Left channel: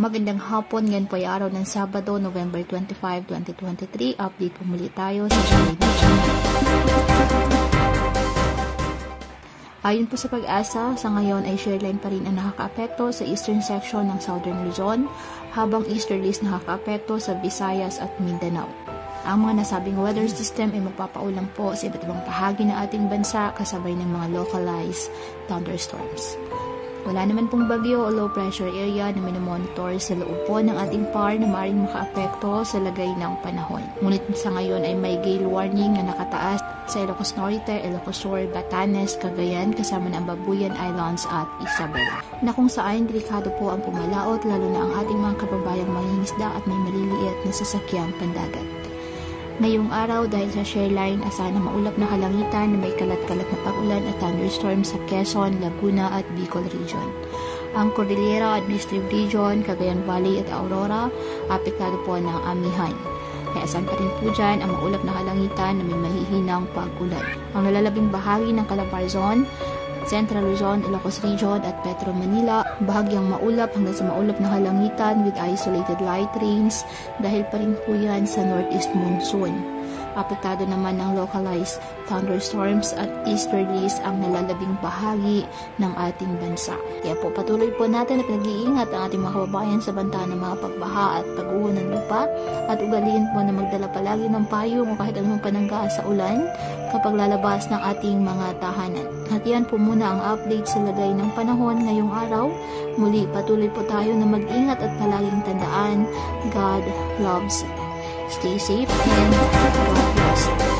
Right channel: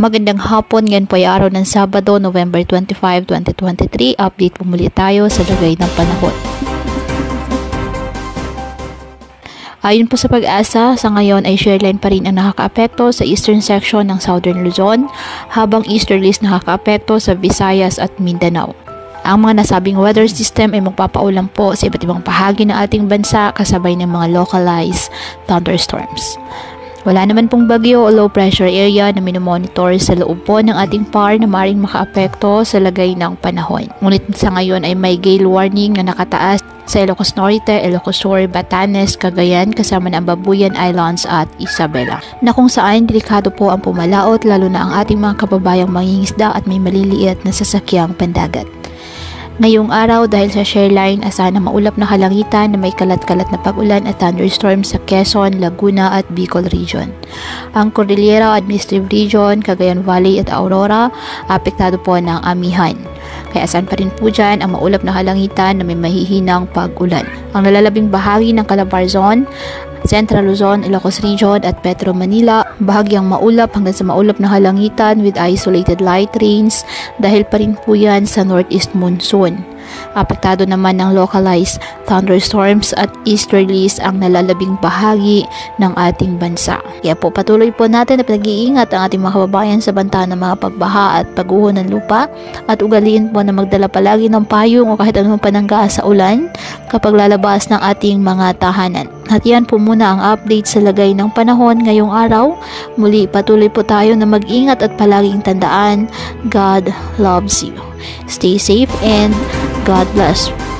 Magandang hapon, ngayon po ay araw ng Sabado, November 25, 2023. Update po muli tayo sa lagay ng panahon. Ayon po sa Pag-asa, sa ngayon ay shoreline pa rin ang nakakaapekto sa eastern section ng Southern Luzon, habang easterlies nakakaapekto sa Visayas at Mindanao. Ang mga nasabing weather system ay magpapaulan po sa iba't ibang bahagi ng ating bansa kasabay ng mga localized thunderstorms. Wala naman pong bagyo o low pressure area na minomonitor sa loob po ng ating PAR na maaaring makaapekto sa lagay ng panahon. Ngunit sa ngayon ay may gale warning na nakataas sa Ilocos Norte, Ilocos Sur, Batanes, Cagayan kasama ng Babuyan Islands at Isabela, na kung saan delikado po ang pumalaot lalo na ang ating mga kababayang mangingisda at may maliliit na sasakyang pandagat. Ngayong araw, dahil sa shoreline, asahan na maulap na kalangitan na may kalat-kalat na pag-ulan at thunderstorms sa Quezon, Laguna at Bicol Region. Ang Cordillera Administrative Region, Cagayan Valley at Aurora, apektado po ng amihan. Kaya asahan pa rin po dyan ang maulap na kalangitan na may mahihinang pag-ulan. Ang nalalabing bahagi ng Calabarzon, Central Luzon, Ilocos Region at Metro Manila, bahagyang maulap hanggang sa maulap na halangitan with isolated light rains dahil pa rin po yan sa northeast monsoon. Apektado naman ng localized thunderstorms at easterlies ang nalalabing bahagi ng ating bansa. Kaya po patuloy po natin na pinag-iingat ang ating mga kababayan sa banta ng mga pagbaha at pagguho ng lupa at ugaliin po na magdala palagi ng payong o kahit anumang panangga sa ulan kapag lalabas ng ating mga tahanan. At yan po muna ang update sa lagay ng panahon ngayong araw. Muli patuloy po tayo na mag-ingat at palaging tandaan, God loves you. Stay safe and God bless.